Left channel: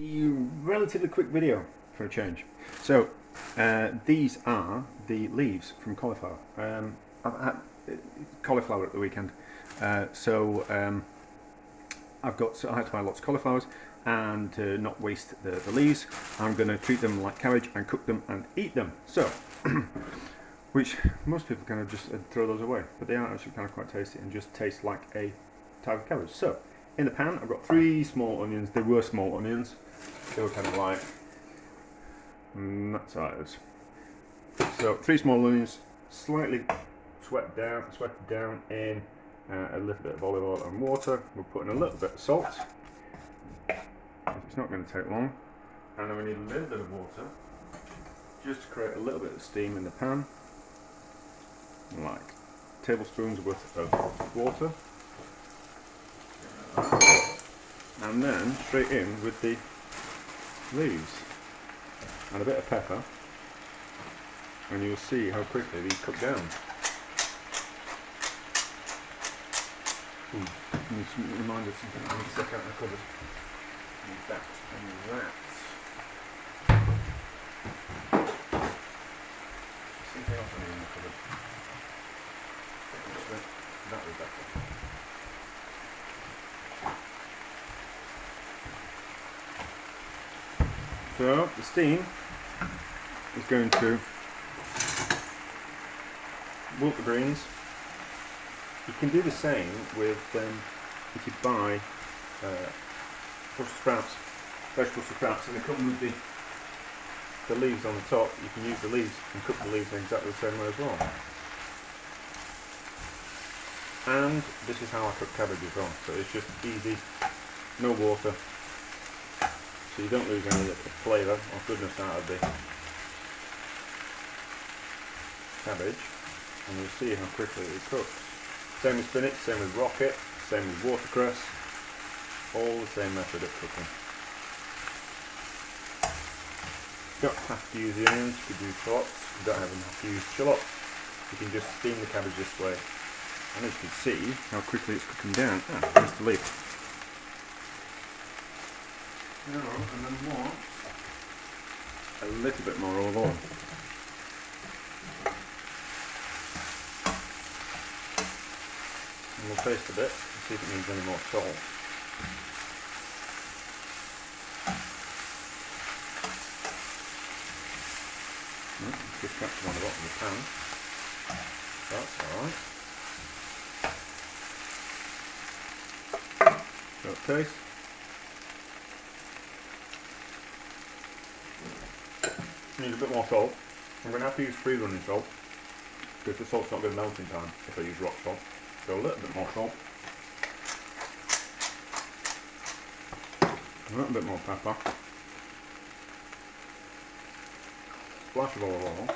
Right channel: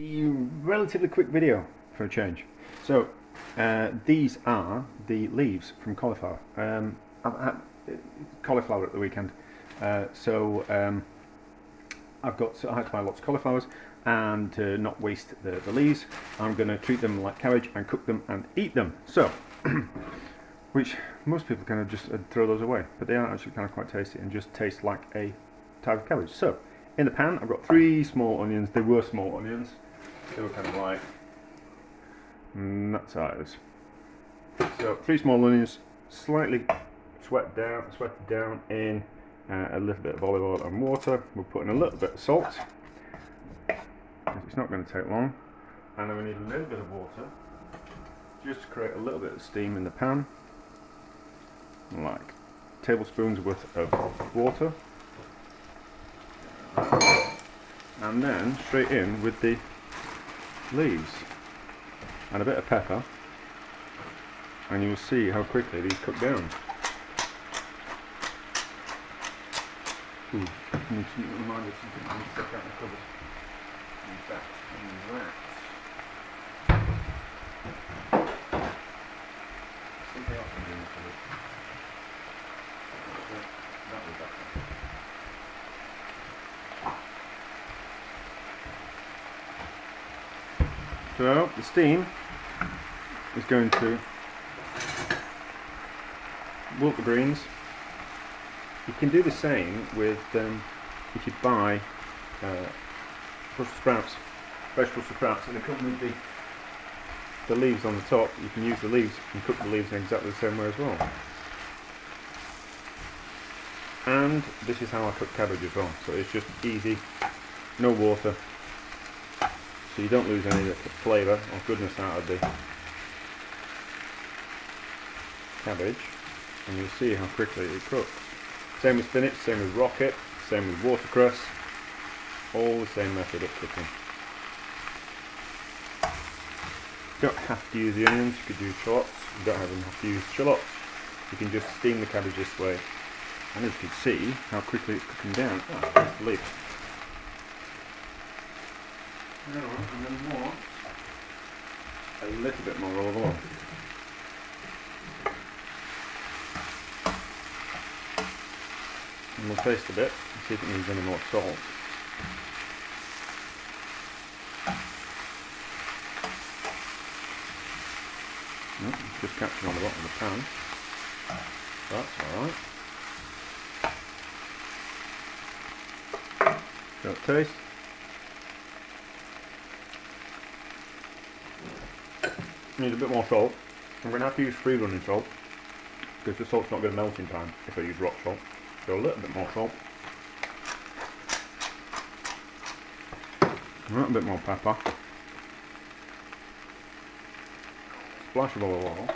Relatively quick video for a change. So these are the leaves from cauliflower. I've had cauliflower at the weekend, so I had to buy lots of cauliflowers, and to not waste the leaves, I'm going to treat them like cabbage and cook them and eat them. So, which most people kind of just throw those away, but they are actually kind of quite tasty and just taste like a type of cabbage. So, in the pan, I've got 3 small onions. They were small onions. They were kind of like nut size. So 3 small onions, slightly sweated down in a little bit of olive oil and water. We're putting a little bit of salt. It's not going to take long. And then we need a little bit of water, just to create a little bit of steam in the pan, like tablespoons worth of water. And then straight in with the leaves and a bit of pepper, and you'll see how quickly these cook down. Ooh, I need to remind us something. I need to step out in the cupboard. And back and rats. Something else in the cupboard. That was better. So the steam is going to wilt the greens. You can do the same with if you buy vegetable sprouts, and they come with the leaves on the top. You can use the leaves and cook the leaves in exactly the same way as well. And this is how I cook cabbage as well. So it's just easy, no water. So you don't lose any of the flavour or goodness out of the cabbage, and you'll see how quickly it cooks. Same with spinach, same with rocket, same with watercress, all the same method of cooking. You don't have to use the onions, you could use shallots. You don't have to use shallots, you can just steam the cabbage this way, and as you can see how quickly it's cooking down. There's the lid. And then more, a little bit more olive oil. And we'll taste a bit and see if it needs any more salt. Just catching on the bottom of the pan. That's alright. So taste. Needs a bit more salt. I'm going to have to use free running salt because the salt's not going to melt in time if I use rock salt. So a little bit more salt. A little bit more pepper. Splash of olive oil.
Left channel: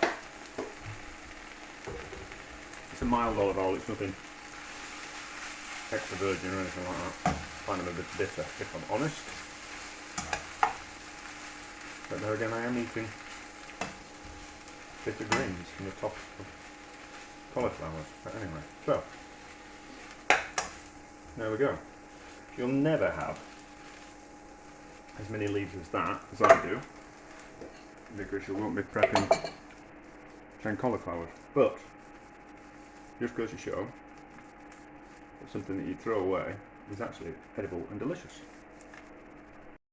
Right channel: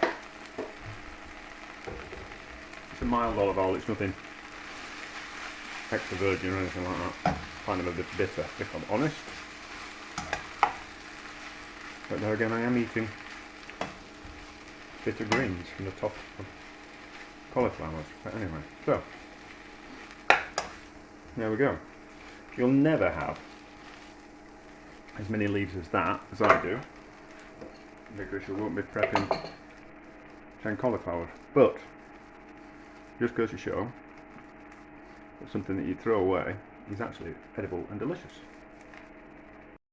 It's a mild olive oil, it's nothing extra virgin or anything like that. Kind of a bit bitter, if I'm honest. But there again, I am eating bitter greens from the top of cauliflowers. But anyway, so there we go. You'll never have as many leaves as that as I do, because you won't be prepping 10 cauliflowers. But just goes to show that something that you throw away is actually edible and delicious.